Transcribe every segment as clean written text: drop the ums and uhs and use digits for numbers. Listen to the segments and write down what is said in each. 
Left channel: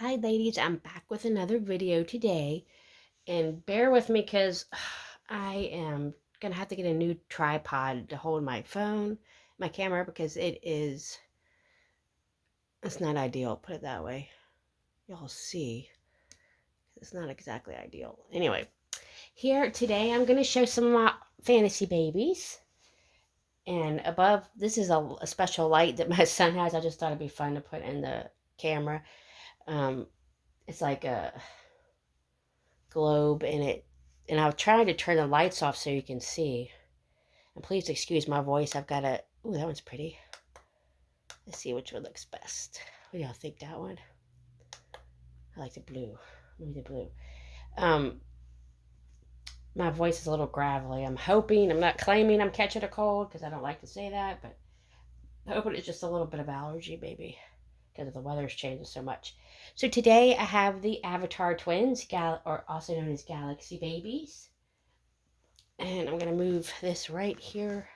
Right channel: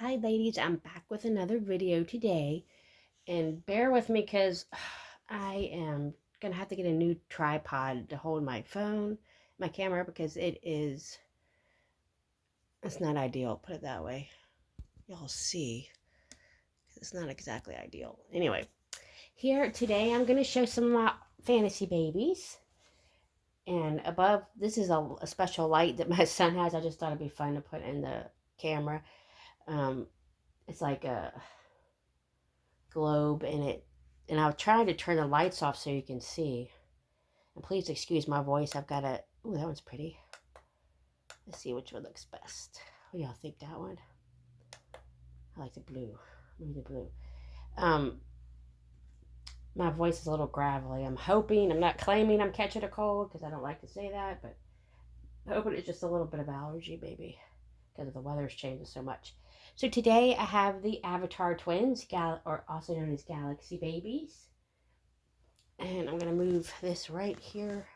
Hi ladies, I'm back with another video today, and bear with me because I am gonna have to get a new tripod to hold my phone, my camera, because it's not ideal, put it that way. Y'all see, it's not exactly ideal. Anyway, here today I'm gonna show some of my fantasy babies, and above, this is a special light that my son has. I just thought it'd be fun to put in the camera. um, it's like a globe in it, and I'll try to turn the lights off so you can see. And please excuse my voice. I've got a, ooh, that one's pretty. Let's see which one looks best. What do y'all think? That one? I like the blue. Maybe the blue. Um, my voice is a little gravelly. I'm hoping, I'm not claiming I'm catching a cold because I don't like to say that, but I'm hoping it's just a little bit of allergy, maybe, because the weather's changing so much. So today I have the Avatar twins, or also known as Galaxy babies. And I'm going to move this right here,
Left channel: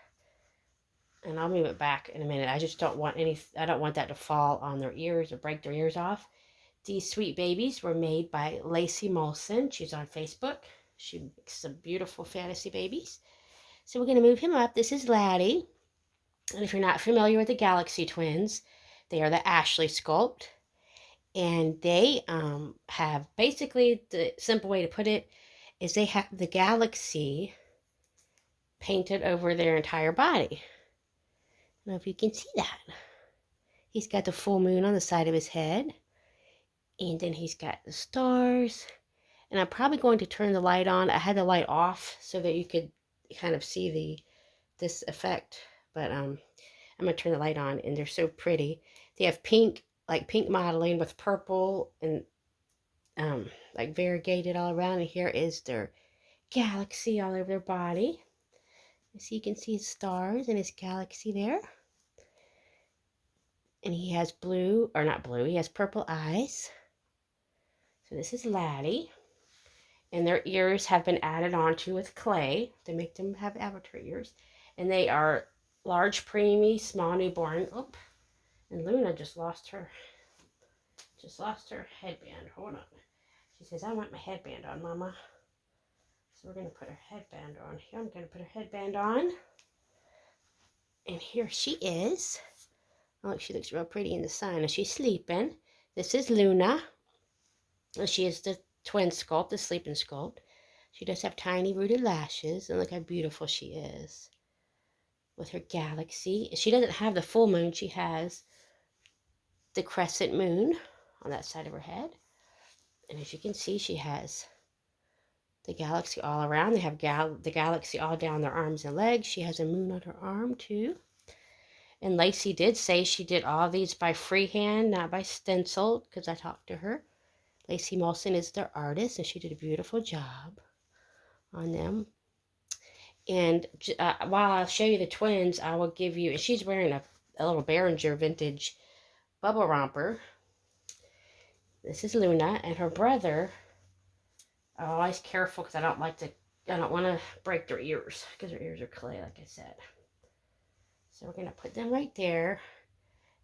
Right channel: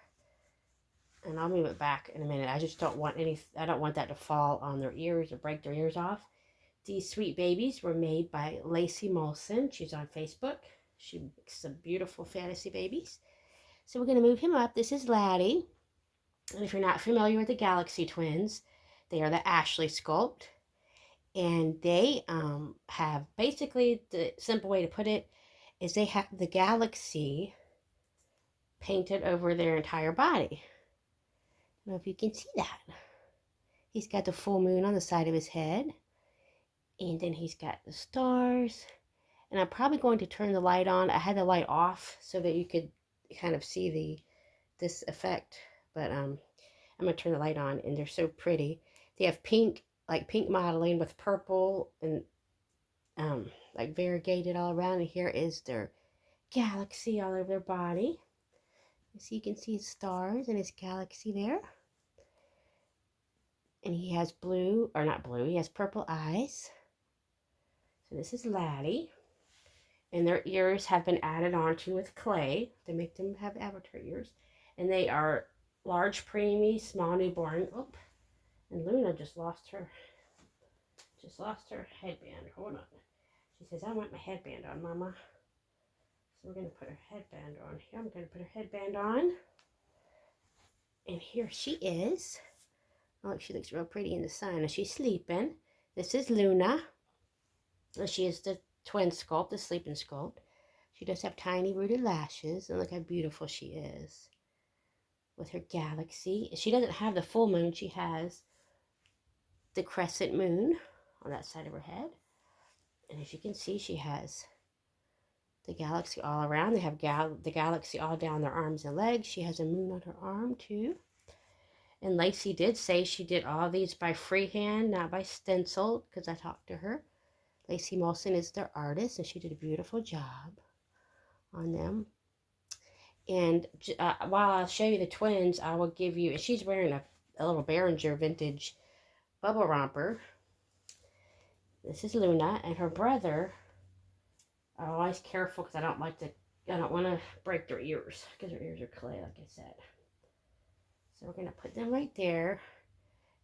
and I'll move it back in a minute. I just don't want I don't want that to fall on their ears or break their ears off. These sweet babies were made by Lacey Molson. She's on Facebook. She makes some beautiful fantasy babies. So we're going to move him up. This is Laddie. And if you're not familiar with the Galaxy twins, they are the Ashley sculpt. And they have, basically, the simple way to put it is they have the galaxy painted over their entire body. I don't know if you can see that. He's got the full moon on the side of his head. And then he's got the stars. And I'm probably going to turn the light on. I had the light off so that you could kind of see this effect. But I'm going to turn the light on, and they're so pretty. They have pink, like pink modeling with purple and like variegated all around. And here is their galaxy all over their body. So you can see his stars and his galaxy there. And he has blue, or not blue, he has purple eyes. So this is Laddie. And their ears have been added onto with clay to make them have avatar ears. And they are large, preemie, small newborn. Oh, and Luna just lost her headband. Hold on. She says, I want my headband on, Mama. So we're going to put her headband on here. I'm going to put her headband on. And here she is. Oh, she looks real pretty in the sun. And she's sleeping. This is Luna. And she is the twin sculpt, the sleeping sculpt. She does have tiny rooted lashes. And look how beautiful she is with her galaxy. She doesn't have the full moon. She has the crescent moon on that side of her head. And as you can see, she has the galaxy all around. They have the galaxy all down their arms and legs. She has a moon on her arm too. And Lacey did say she did all these by freehand, not by stencil, because I talked to her. Lacey Molson is their artist, and she did a beautiful job on them. And while I'll show you the twins, I will give you, and she's wearing a little Behringer vintage bubble romper. This is Luna, and her brother. I'm always careful because I don't want to break their ears, because their ears are clay, like I said. So we're going to put them right there.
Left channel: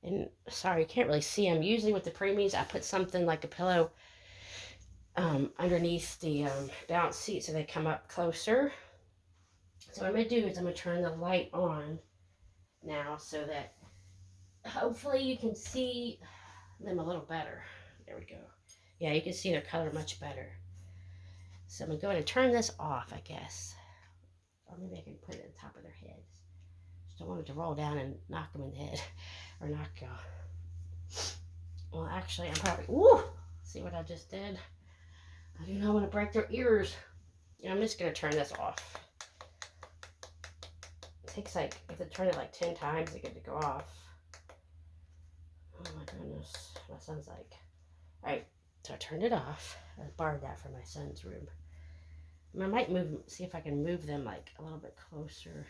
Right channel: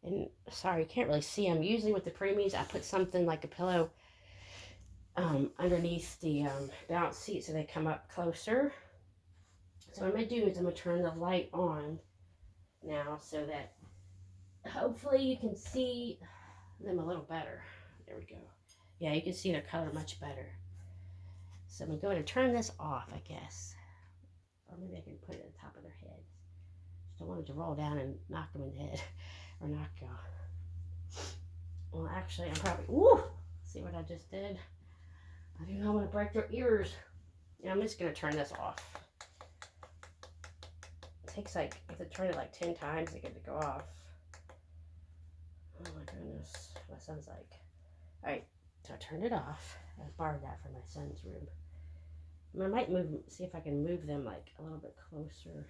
And sorry, you can't really see them. Usually with the preemies, I put something like a pillow underneath the bounce seat so they come up closer. So what I'm going to do is I'm going to turn the light on now so that hopefully you can see them a little better. There we go. Yeah, you can see their color much better. So I'm going to turn this off, I guess. Or maybe I can put it on top of their heads. Just don't want it to roll down and knock them in the head. Or knock well, actually, I'm probably, woo! See what I just did? I do not want to break their ears. I'm just going to turn this off. It takes like, you have to turn it like 10 times to get it to go off. Oh my goodness. My son's like, alright, so I turned it off. I borrowed that from my son's room. I might see if I can move them like a little bit closer.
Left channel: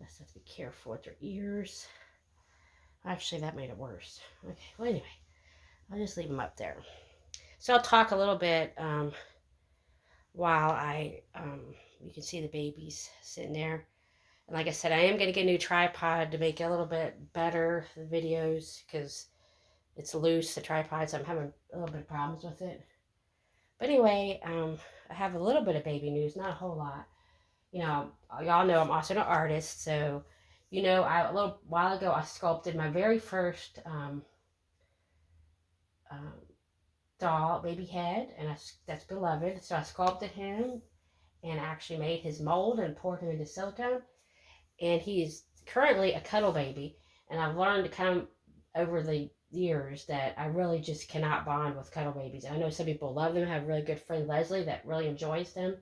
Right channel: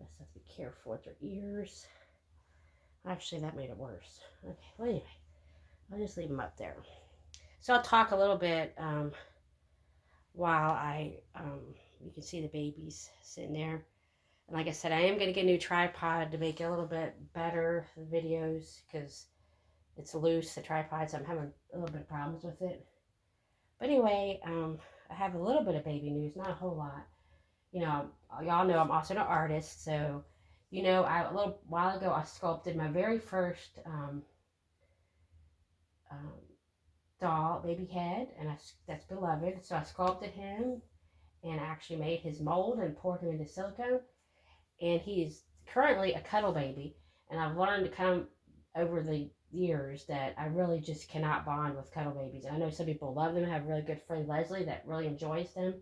I just have to be careful with their ears. Actually, that made it worse. Okay, well anyway, I'll just leave them up there. So I'll talk a little bit while you can see the babies sitting there. And like I said, I am going to get a new tripod to make it a little bit better, the videos, because It's loose, the tripod, so I'm having a little bit of problems with it. But anyway, I have a little bit of baby news, not a whole lot. Y'all know I'm also an artist, so a little while ago I sculpted my very first um, doll, baby head, and that's beloved. So I sculpted him and actually made his mold and poured him into silicone. And he's currently a cuddle baby. And I've learned to come over the years that I really just cannot bond with cuddle babies. I know some people love them. I have a really good friend Leslie that really enjoys them.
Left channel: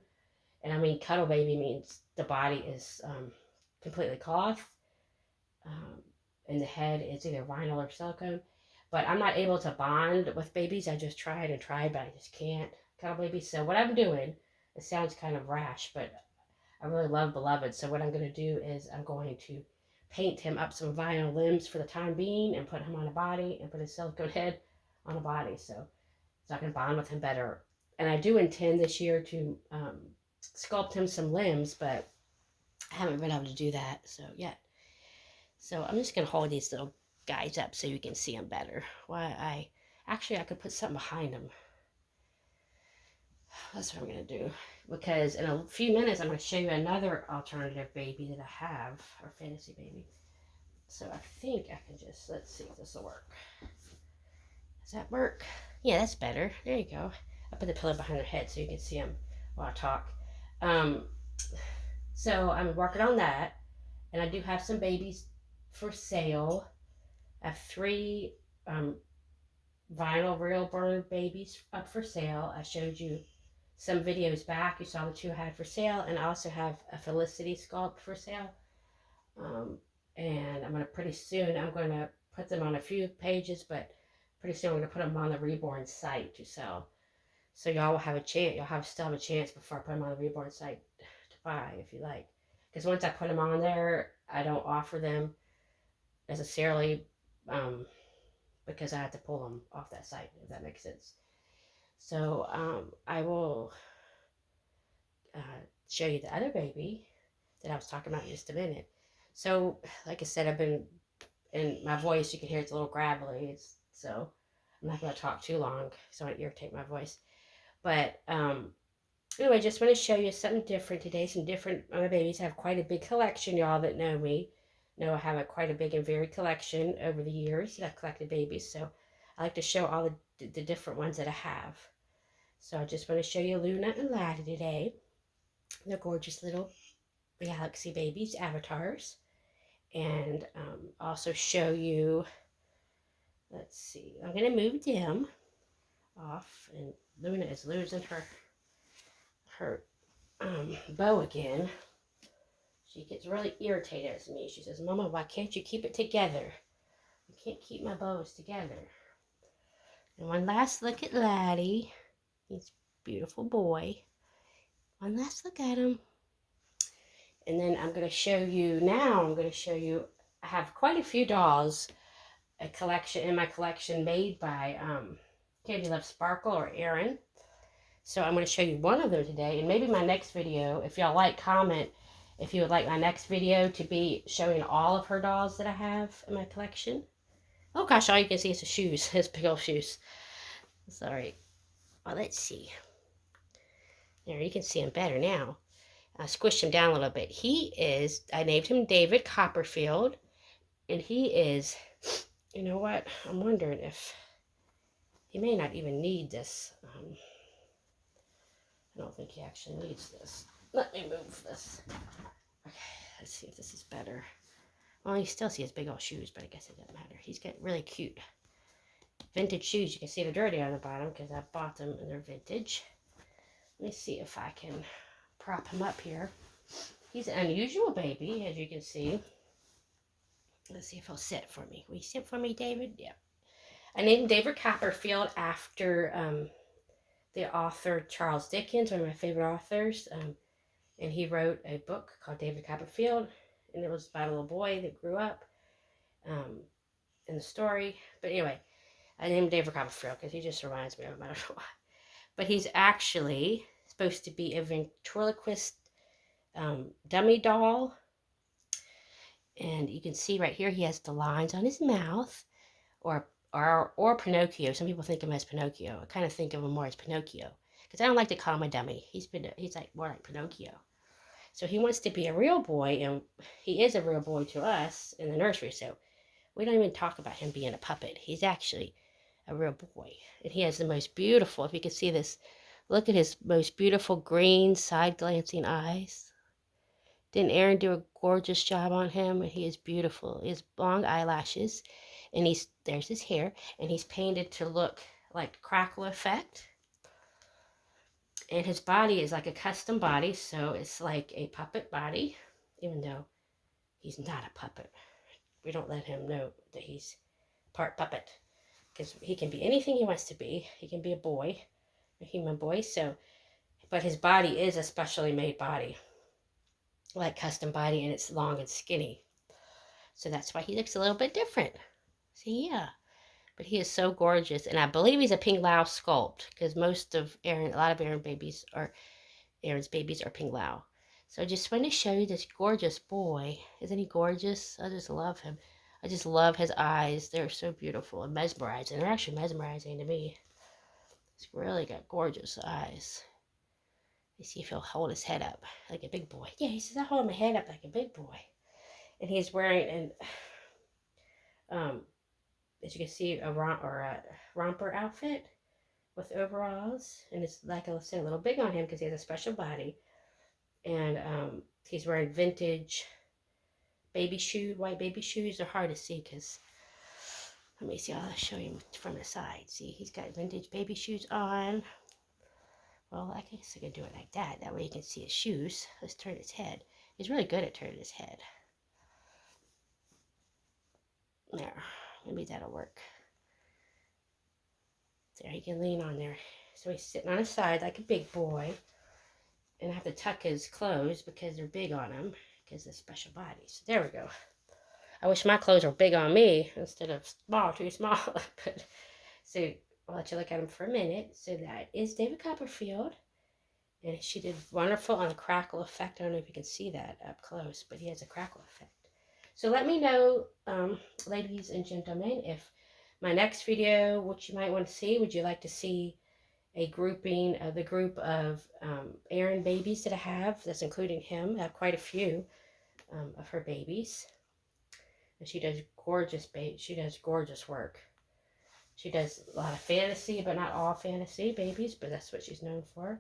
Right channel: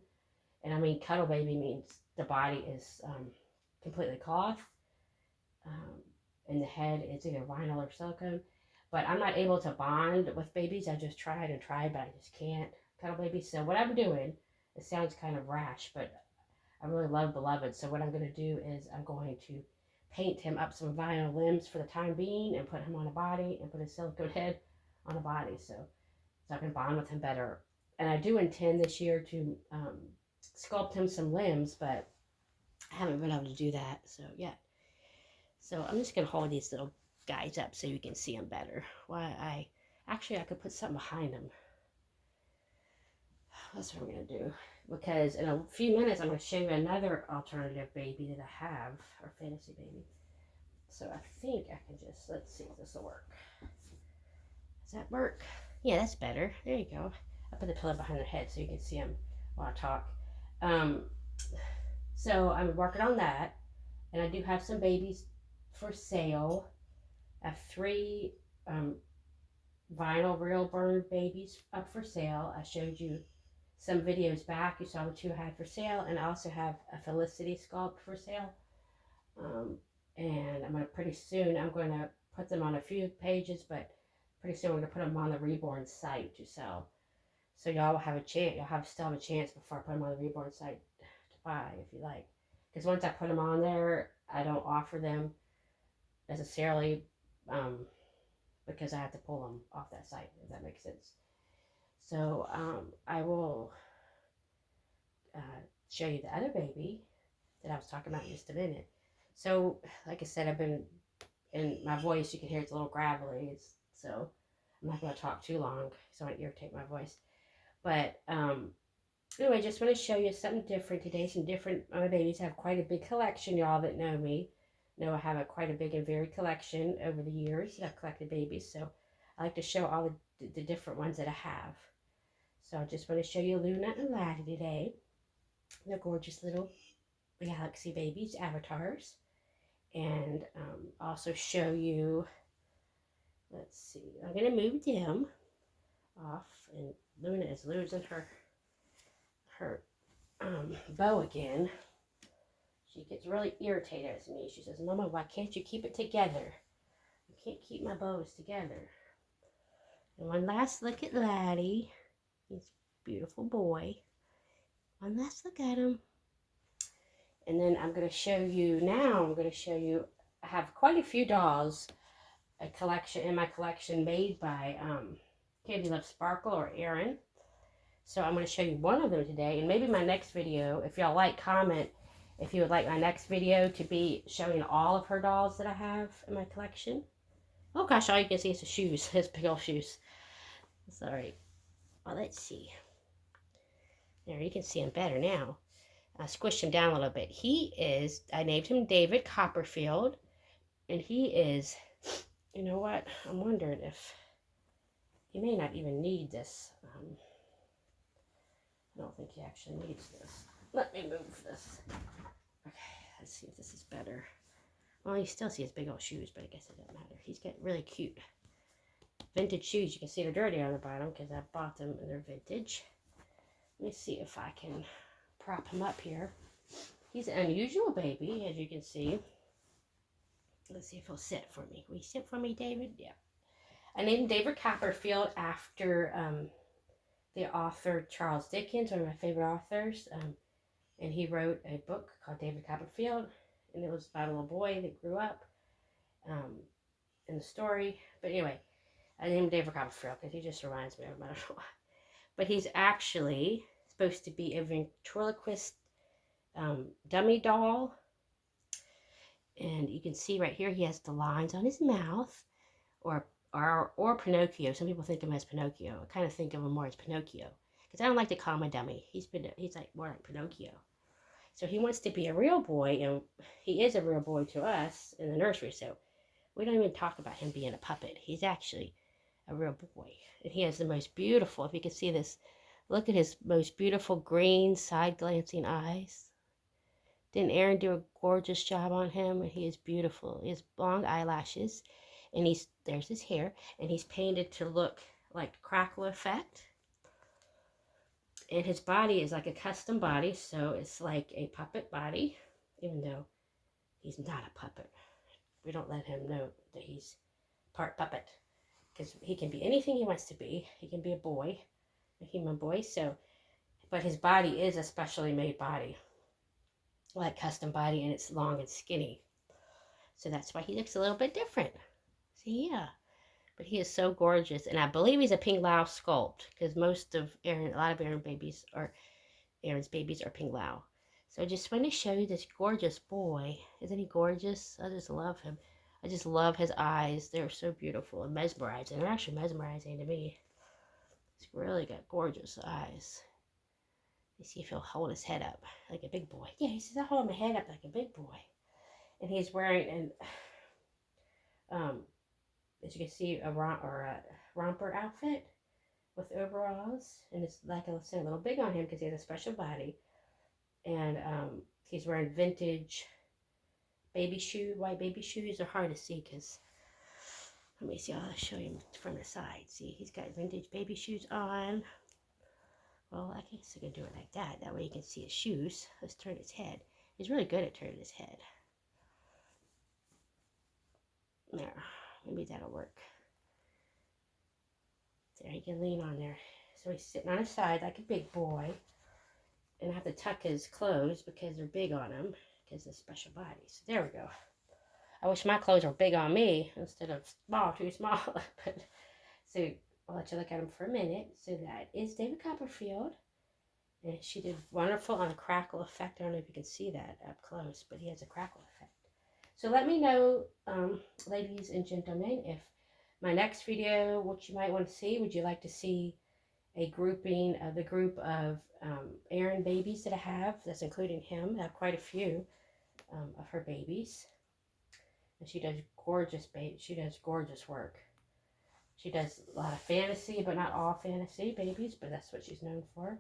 And I mean, cuddle baby means the body is completely cloth, um, and the head is either vinyl or silicone. But I'm not able to bond with babies. I just tried and tried, but I just can't cuddle babies. So what I'm doing, it sounds kind of rash, but I really love Beloved. So what I'm going to do is I'm going to paint him up some vinyl limbs for the time being and put him on a body and put his silicone head on a body so I can bond with him better. And I do intend this year to sculpt him some limbs, but I haven't been able to do that yet. So I'm just going to hold these little guys up so you can see them better. I could put something behind them. That's what I'm going to do. Because in a few minutes, I'm going to show you another alternative baby that I have, or fantasy baby. So I think I can let's see if this will work. Does that work? Yeah, that's better. There you go. I put the pillow behind her head so you can see them while I talk. So I'm working on that. And I do have some babies for sale. I have 3 vinyl Reborn babies up for sale. I showed you some videos back. You saw the 2 I had for sale, and I also have a Felicity sculpt for sale. And pretty soon I'm going to put them on a few pages, but pretty soon we're going to put them on the Reborn site to sell. So y'all will have a chance. Still have a chance before I put them on the Reborn site to buy if you like. Because once I put them on there, I don't offer them necessarily because I have to pull them off that site, if that makes sense. So I will show you the other baby that I was talking about in just a minute. So, like I said, I've been, in my voice, you can hear it's a little gravelly, so I'm not going to talk too long, so I don't irritate my voice. But anyway, just want to show you something different today. My babies have quite a big collection. Y'all that know me know I have quite a big and varied collection over the years that I've collected babies. So I like to show all the different ones that I have. So I just want to show you Luna and Laddie today. They're gorgeous little galaxy babies, avatars. And also show you, let's see, I'm going to move them off. And Luna is losing her bow again. She gets really irritated at me. She says, Mama, why can't you keep it together? You can't keep my bows together. And one last look at Laddie. He's a beautiful boy. One last look at him. And then I'm going to show you, I have quite a few dolls, in my collection made by Candy Love Sparkle or Erin. So I'm going to show you one of them today, and maybe my next video, if y'all like, comment if you would like my next video to be showing all of her dolls that I have in my collection. Oh gosh, all you can see is the shoes, his big old shoes. Sorry. Well, let's see. There, you can see him better now. I squished him down a little bit. I named him David Copperfield, and he is, you know what? I'm wondering if he may not even need this. I don't think he actually needs this. Let me move this. Okay, let's see if this is better. Well, you still see his big old shoes, but I guess it doesn't matter. He's got really cute vintage shoes. You can see they're dirty on the bottom because I bought them and they're vintage. Let me see if I can prop him up here. He's an unusual baby, as you can see. Let's see if he'll sit for me. Will you sit for me, David? Yeah. I named David Copperfield after the author Charles Dickens, one of my favorite authors. And he wrote a book called David Copperfield, and it was about a little boy that grew up in the story. But anyway, I named David Copperfield because he just reminds me of him. I don't know why. But he's actually supposed to be a ventriloquist dummy doll. And you can see right here he has the lines on his mouth, or or Pinocchio. Some people think of him as Pinocchio. I kind of think of him more as Pinocchio because I don't like to call him a dummy. He's like more like Pinocchio. So he wants to be a real boy, and he is a real boy to us in the nursery. So we don't even talk about him being a puppet. He's actually a real boy, and he has the most beautiful. If you can see this, look at his most beautiful green side glancing eyes. Didn't Aaron do a gorgeous job on him? He is beautiful. He has long eyelashes, and there's his hair, and he's painted to look like crackle effect. And his body is like a custom body, so it's like a puppet body, even though he's not a puppet. We don't let him know that he's part puppet because he can be anything he wants to be. He can be a boy, a human boy. So, but his body is a specially made body, like custom body, and it's long and skinny. So that's why he looks a little bit different. See, yeah. But he is so gorgeous, and I believe he's a Ping Lao sculpt because a lot of Aaron's babies are Ping Lao. So I just wanted to show you this gorgeous boy. Isn't he gorgeous? I just love him. I just love his eyes. They're so beautiful and mesmerizing. They're actually mesmerizing to me. He's really got gorgeous eyes. Let's see if he'll hold his head up like a big boy. Yeah, he says, I hold my head up like a big boy. And he's wearing as you can see, a romper outfit with overalls. And it's, like I was saying, a little big on him because he has a special body. And he's wearing vintage white baby shoes. They're hard to see because, let me see, I'll show you from the side. See, he's got vintage baby shoes on. Well, I guess I could do it like that. That way you can see his shoes. Let's turn his head. He's really good at turning his head. There, maybe that'll work. There, he can lean on there. So he's sitting on his side like a big boy. And I have to tuck his clothes because they're big on him because of special bodies. So there we go. I wish my clothes were big on me instead of too small. But so I'll let you look at him for a minute. So that is David Copperfield. And she did wonderful on the crackle effect. I don't know if you can see that up close, but he has a crackle effect. So let me know, ladies and gentlemen, if my next video, what you might want to see. Would you like to see a grouping of the group of Aaron babies that I have? That's including him. I have quite a few of her babies. And she does gorgeous work. She does a lot of fantasy, but not all fantasy babies, but that's what she's known for.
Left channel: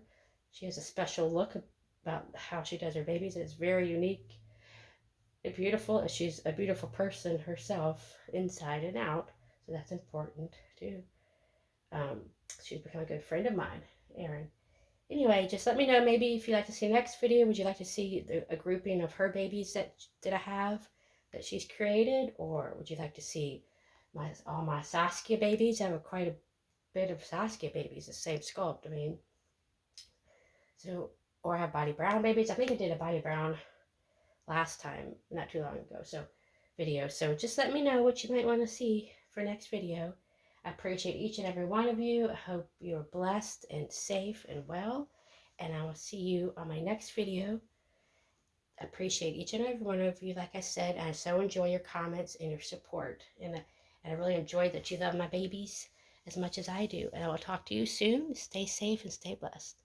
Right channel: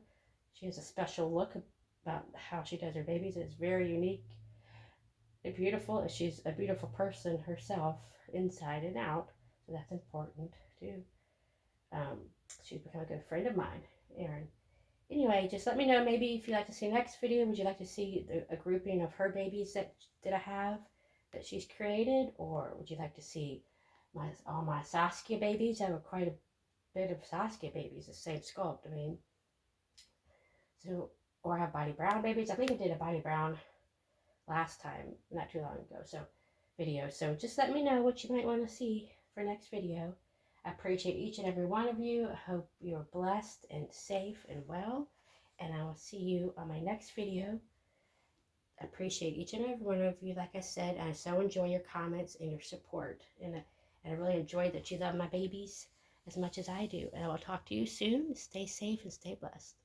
She has a special look about how she does her babies. It's very unique and beautiful, and she's a beautiful person herself, inside and out, so that's important too. She's become a good friend of mine, Erin. Anyway, just let me know maybe if you'd like to see the next video. Would you like to see a grouping of her babies that I have that she's created, or would you like to see all my Saskia babies? I have quite a bit of Saskia babies, the same sculpt. I mean, so, or I have Bonnie Brown babies. I think I did a Bonnie Brown last time, not too long ago. So video. So just let me know what you might want to see for next video. I appreciate each and every one of you. I hope you're blessed and safe and well. And I will see you on my next video. I appreciate each and every one of you. Like I said, I so enjoy your comments and your support. And I really enjoy that you love my babies as much as I do. And I will talk to you soon. Stay safe and stay blessed.